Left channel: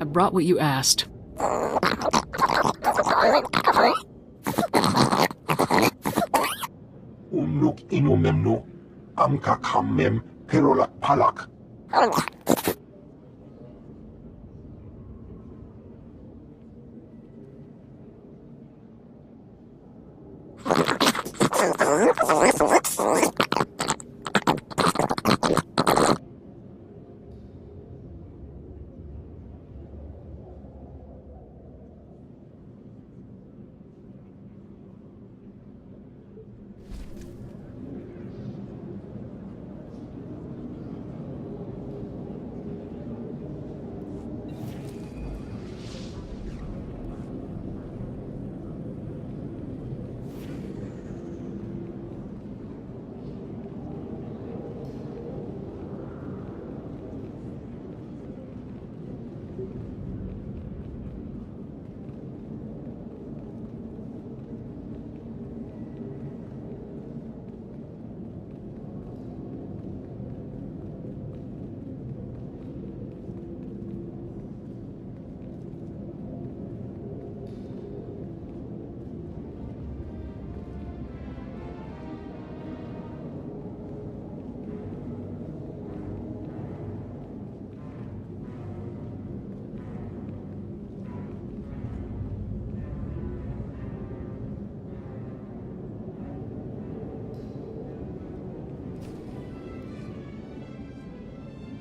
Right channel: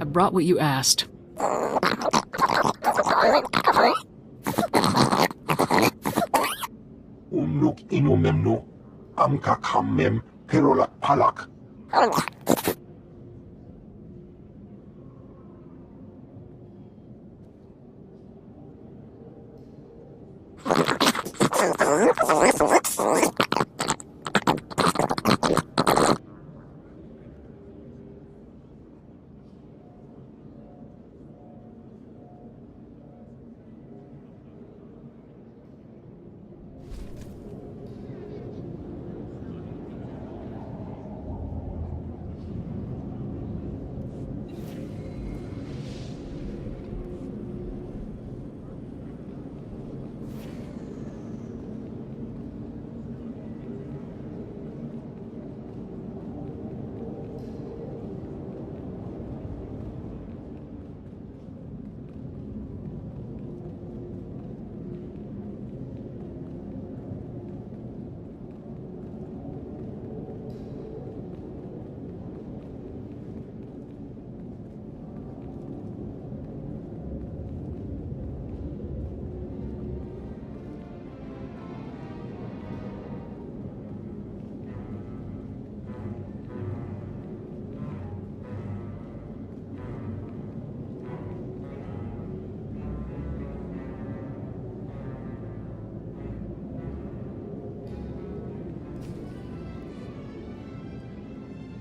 I brought what you asked. Unuk inumemnu, amka kamem, perolak palak.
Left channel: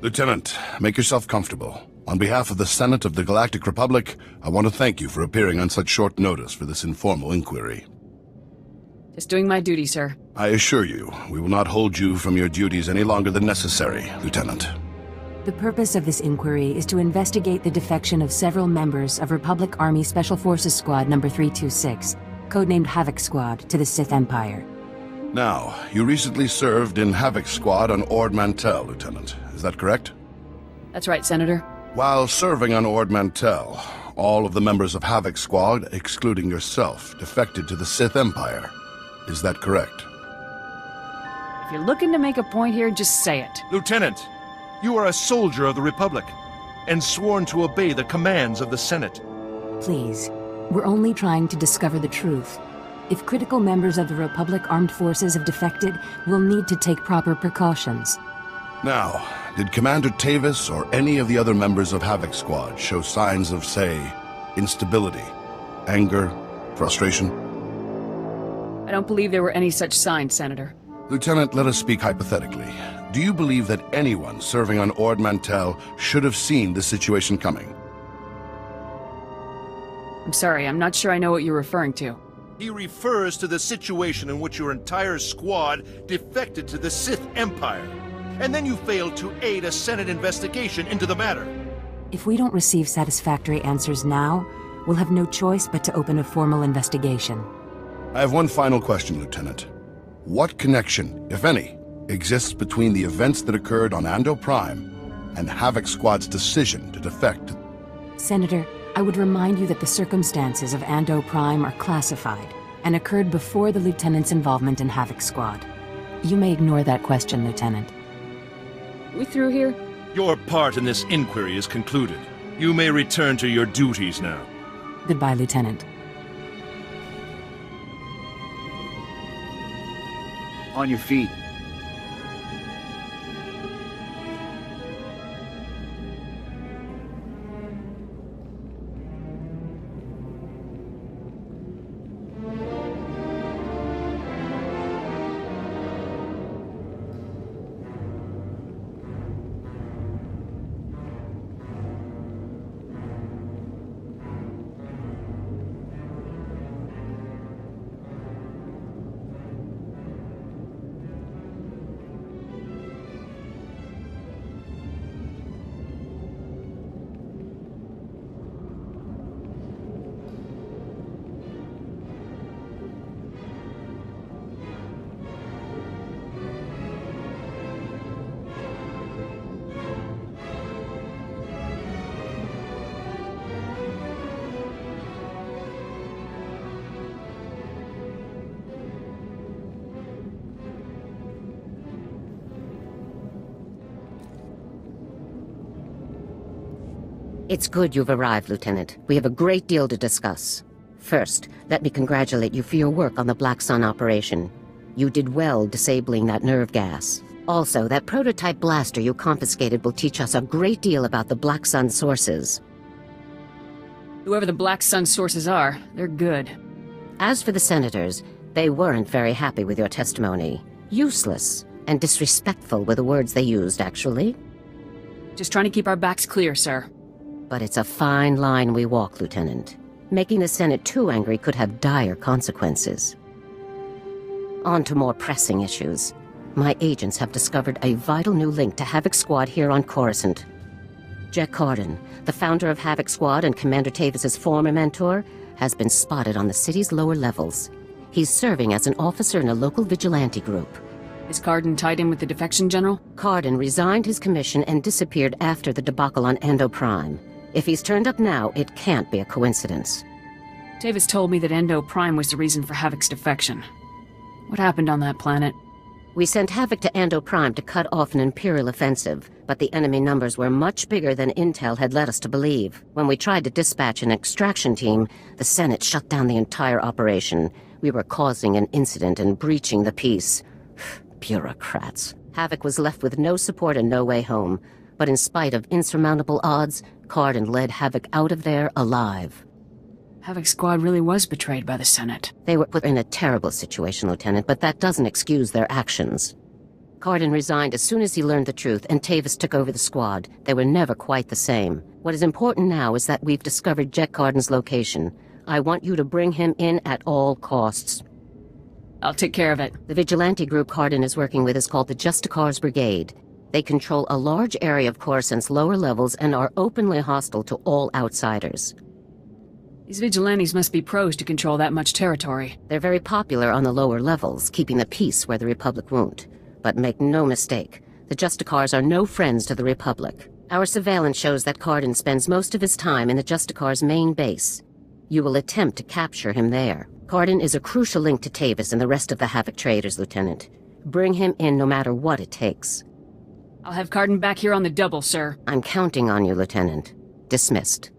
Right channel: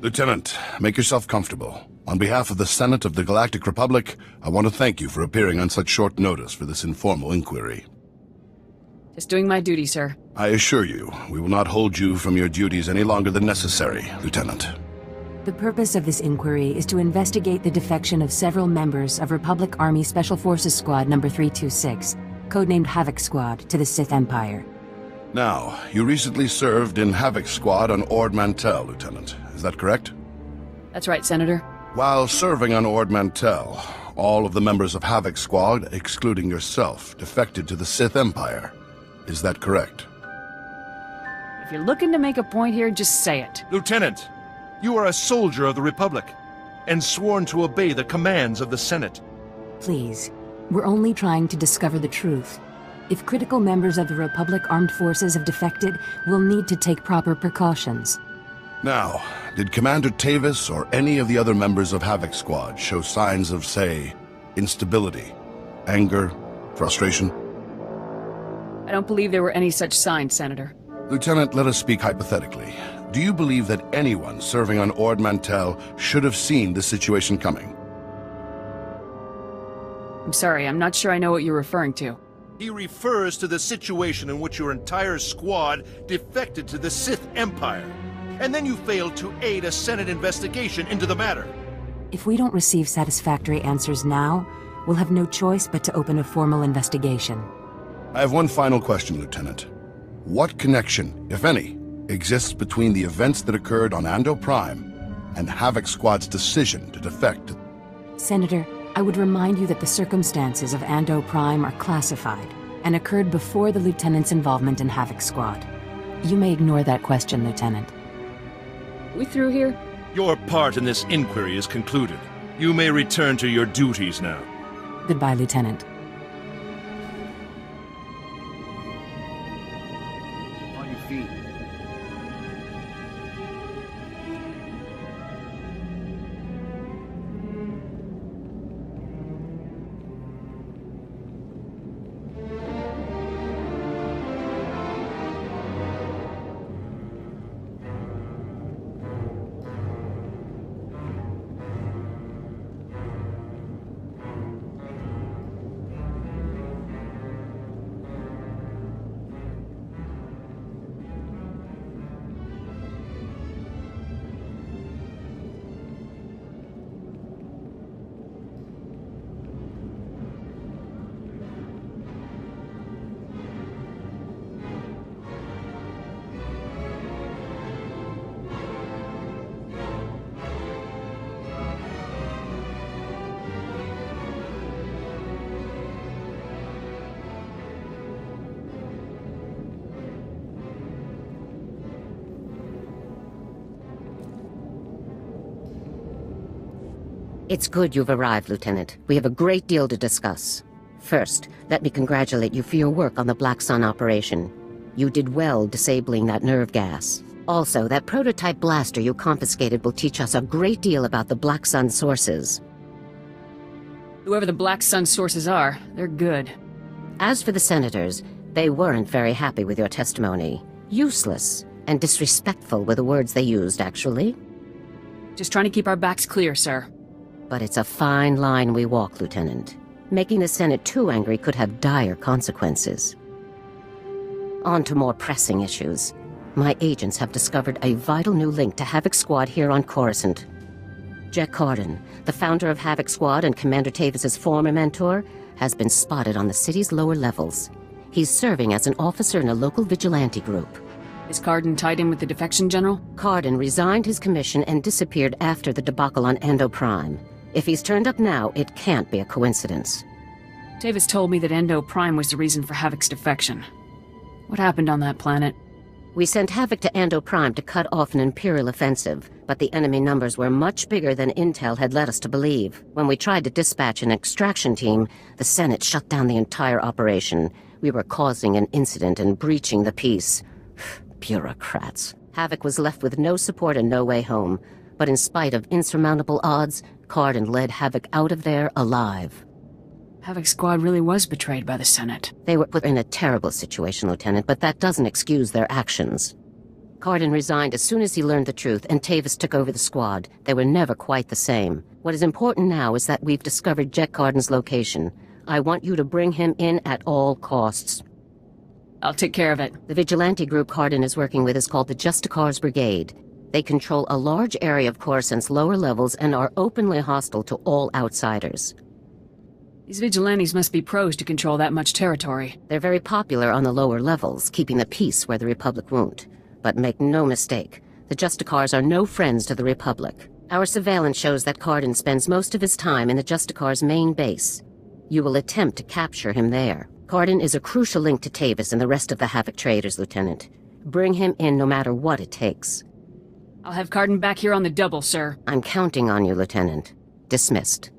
Lieutenant, make yourself comfortable. On behalf of the Senate of the Galactic Republic, I want to thank you for appearing on such short notice for this informal inquiry. Just doing my duty, sir. I assure you, we will not hold you from your duties any longer than necessary, Lieutenant. The purpose of this inquiry is to investigate the defection of several members of Republic Army Special Forces Squad number 326, codenamed Havoc Squad, to the Sith Empire. Now, you recently served in Havoc Squad on Ord Mantell, Lieutenant. Is that correct? That's right, Senator. While serving on Ord Mantell, all of the members of Havoc Squad, excluding yourself, defected to the Sith Empire. Is that correct? If you're looking to make a point here, just say it. Lieutenant, you are a soldier of the Republic, and sworn to obey the commands of the Senate. Please, we're only trying to discover the truth. If critical members of the Republic Armed Forces have defected, we'll need to take proper precautions. Now, did Commander Tavis or any of the other members of Havoc Squad show signs of, say, instability, anger, frustration? I don't believe there were any such signs, Senator. Lieutenant, let us speak hypothetically. Do you believe that anyone serving on Ord Mantell should have seen this situation coming? I'm sorry, I'm not sure I know what you're referring to. He refers to the situation in which your entire squad defected to the Sith Empire, and then you failed to aid a Senate investigation into the matter. If we don't receive satisfactory answers now, we'll have no choice but to open a formal investigation. I have one final question, Lieutenant. What connection, if any, exists between the events that occurred on Ando Prime and Havoc Squad's decision to defect? Senator, I would remind you that the circumstances of Ando Prime are classified and occurred before the Lieutenant's involvement in Havoc Squad. You may ignore that question, Lieutenant. We through here? Your part in this inquiry is concluded. You may return to your duties now. Goodbye, Lieutenant. On your feet. It's good you've arrived, Lieutenant. We have a great deal to discuss. First, let me congratulate you for your work on the Black Sun operation. You did well disabling that nerve gas. Also, that prototype blaster you confiscated will teach us a great deal about the Black Sun sources. Whoever the Black Sun sources are, they're good. As for the senators, they weren't very happy with your testimony. Useless and disrespectful were the words they used, actually. Just trying to keep our backs clear, sir. But it's a fine line we walk, Lieutenant. Making the Senate too angry could have dire consequences. On to more pressing issues. My agents have discovered a vital new link to Havoc Squad here on Coruscant. Jack Carden, the founder of Havoc Squad and Commander Tavis's former mentor, has been spotted on the city's lower levels. He's serving as an officer in a local vigilante group. Is Carden tied in with the defection general? Carden resigned his commission and disappeared after the debacle on Endo Prime. If he's turned up now, it can't be a coincidence. Tavis told me that Endo Prime was the reason for Havoc's defection. What happened on that planet? We sent Havoc to Endo Prime to cut off an Imperial offensive, but the enemy numbers were much bigger than Intel had led us to believe. When we tried to dispatch an extraction team, the Senate shut down the entire operation. We were causing an incident and breaching the peace. Bureaucrats. Havoc was left with no support and no way home. But in spite of insurmountable odds, Carden led Havoc out of there alive. Havoc Squad really was betrayed by the Senate. They were put in a terrible situation, Lieutenant, but that doesn't excuse their actions. Carden resigned as soon as he learned the truth, and Tavis took over the squad. They were never quite the same. What is important now is that we've discovered Jack Carden's location. I want you to bring him in at all costs. I'll take care of it. The vigilante group Carden is working with is called the Justicars Brigade. They control a large area of Coruscant's lower levels and are openly hostile to all outsiders. These vigilantes must be pros to control that much territory. They're very popular on the lower levels, keeping the peace where the Republic won't. But make no mistake, the Justicars are no friends to the Republic. Our surveillance shows that Carden spends most of his time in the Justicars' main base. You will attempt to capture him there. Carden is a crucial link to Tavis and the rest of the Havoc traders, Lieutenant. Bring him in no matter what it takes. I'll have Carden back here on the double, sir. I'm counting on you, Lieutenant. Dismissed.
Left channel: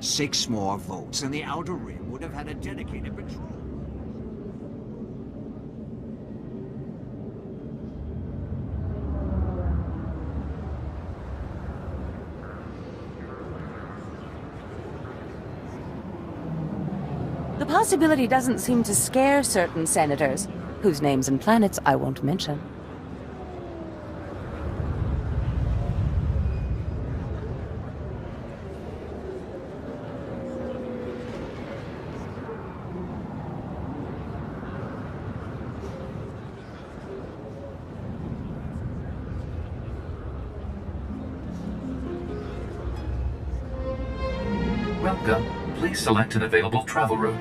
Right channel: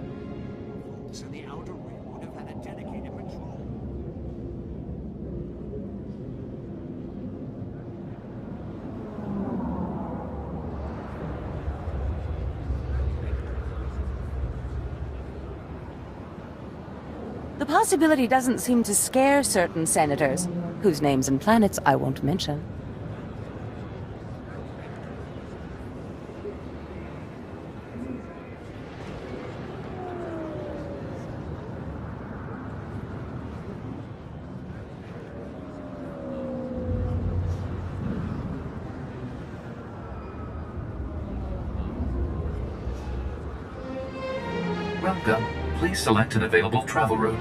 Six more votes, and the Outer Rim would have had a dedicated patrol. The possibility doesn't seem to scare certain senators, whose names and planets I won't mention. Welcome. Please select an available travel route.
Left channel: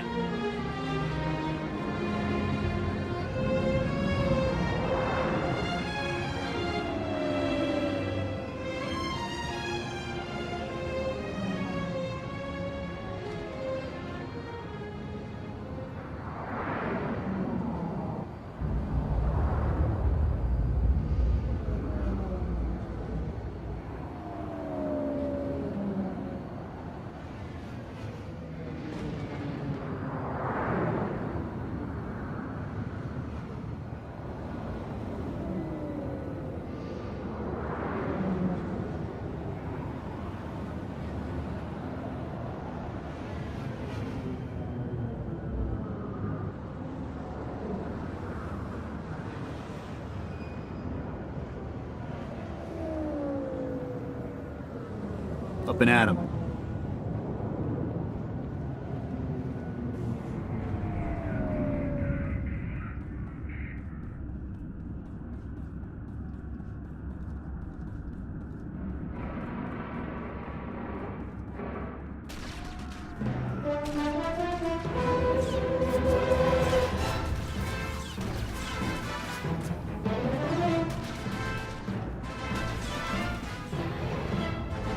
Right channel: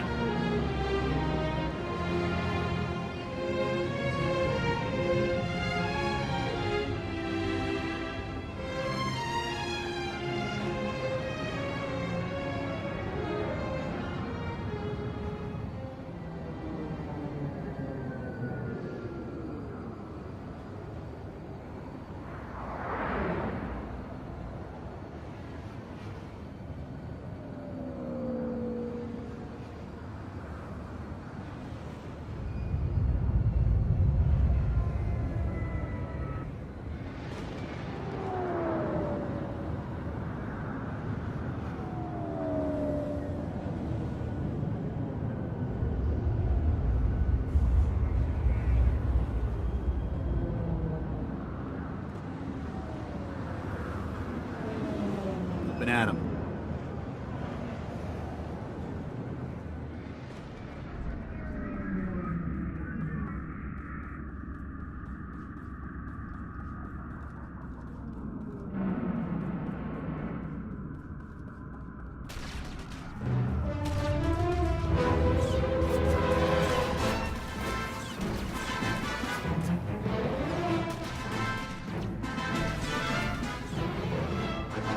Up and at 'em.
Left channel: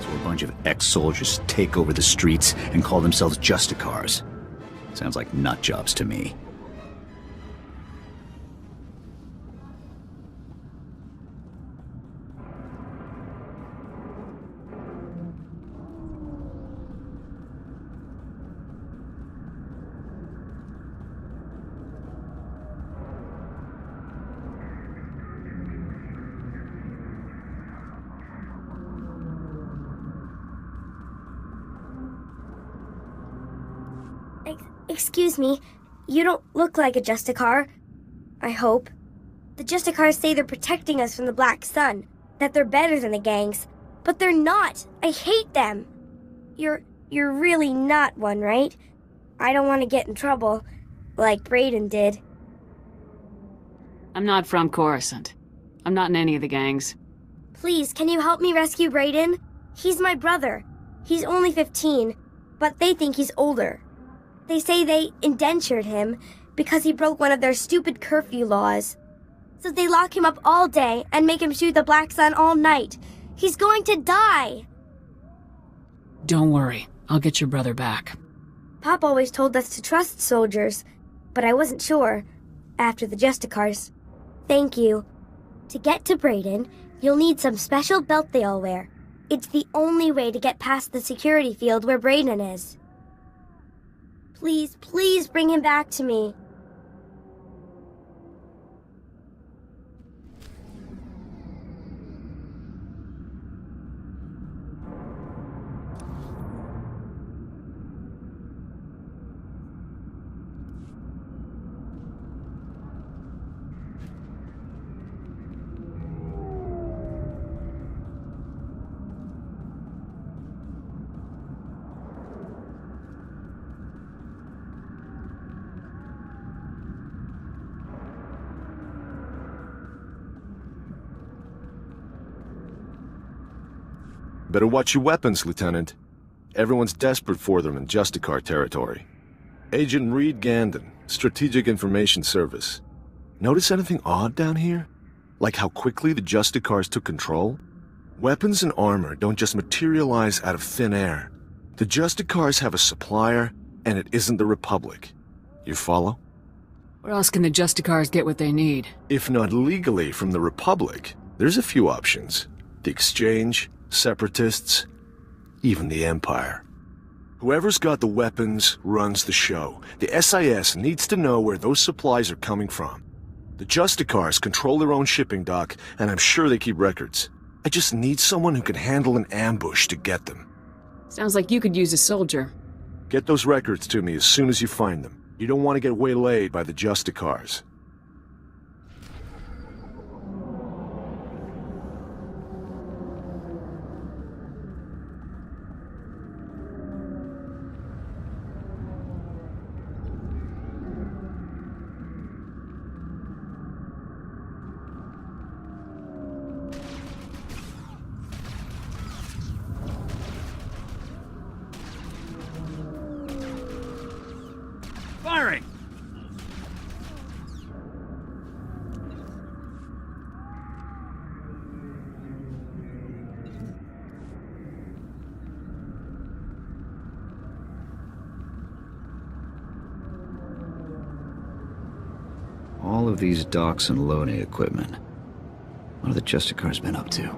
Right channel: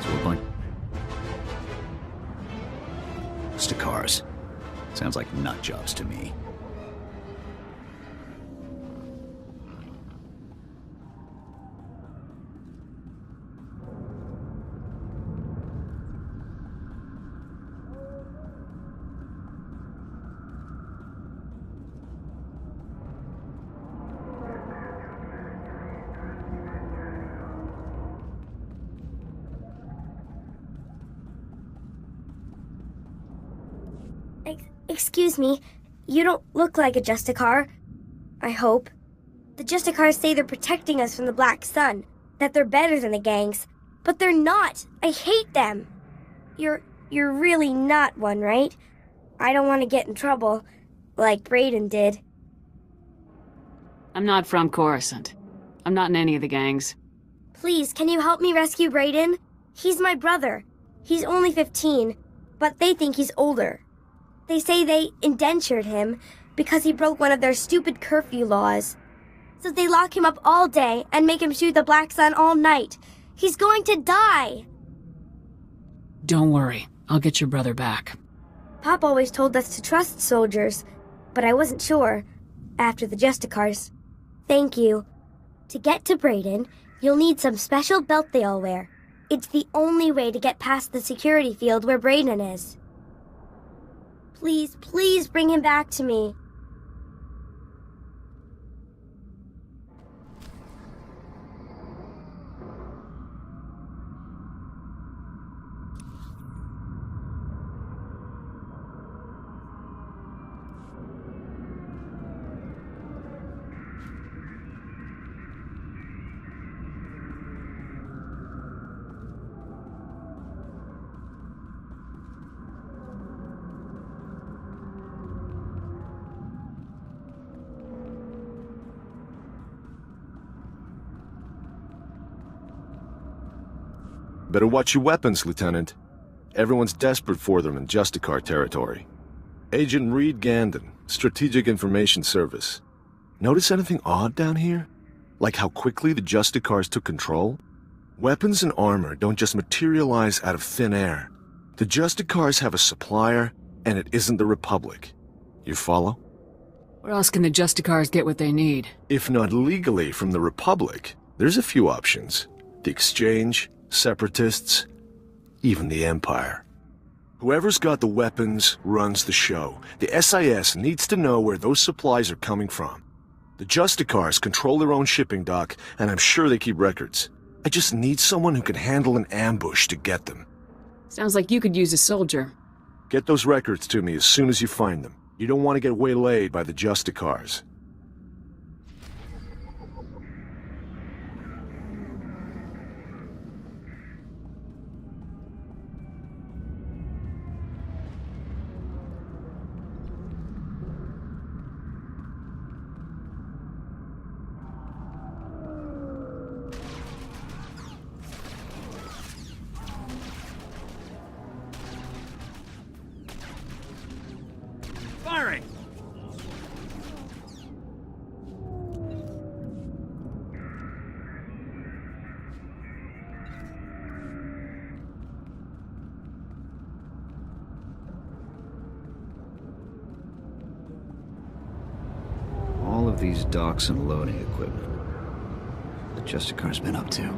So a bunch of ex-soldiers take over the streets and call themselves Justicars. Sounds like nut jobs to me. Excuse me, you don't look like a Justicar. I hope. The Justicars say they're protecting us from the Black Sun, that they're better than the gangs, but they're not. I hate them. You're really not one, right? I don't want to get in trouble, like Brayden did. I'm not from Coruscant. I'm not in any of the gangs. Please, can you help me rescue Brayden? He's my brother. He's only 15, but they think he's older. They say they indentured him because he broke one of their stupid curfew laws. So they lock him up all day and make him shoot the Black Sun all night. He's going to die! Don't worry. I'll get your brother back. Pop always told us to trust soldiers, but I wasn't sure after the Justicars. Thank you. To get to Brayden, you'll need some special belt they all wear. It's the only way to get past the security field where Brayden is. Please, please bring him back to me. Better watch your weapons, Lieutenant. Everyone's desperate for them in Justicar territory. Agent Reed Gandon, Strategic Information Service. Notice anything odd down here? Like how quickly the Justicars took control? Weapons and armor don't just materialize out of thin air. The Justicars have a supplier, and it isn't the Republic. You follow? Where else can the Justicars get what they need? If not legally from the Republic, there's a few options. The Exchange, Separatists, even the Empire. Whoever's got the weapons runs the show. The SIS needs to know where those supplies are coming from. The Justicars control their own shipping dock, and I'm sure they keep records. I just need someone who can handle an ambush to get them. Sounds like you could use a soldier. Get those records to me as soon as you find them. You don't want to get waylaid by the Justicars. Firing! All of these docks and loading equipment. What have the Justicars been up to?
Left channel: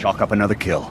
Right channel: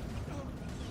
Chalk up another kill.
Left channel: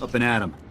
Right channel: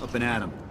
Up and at 'em.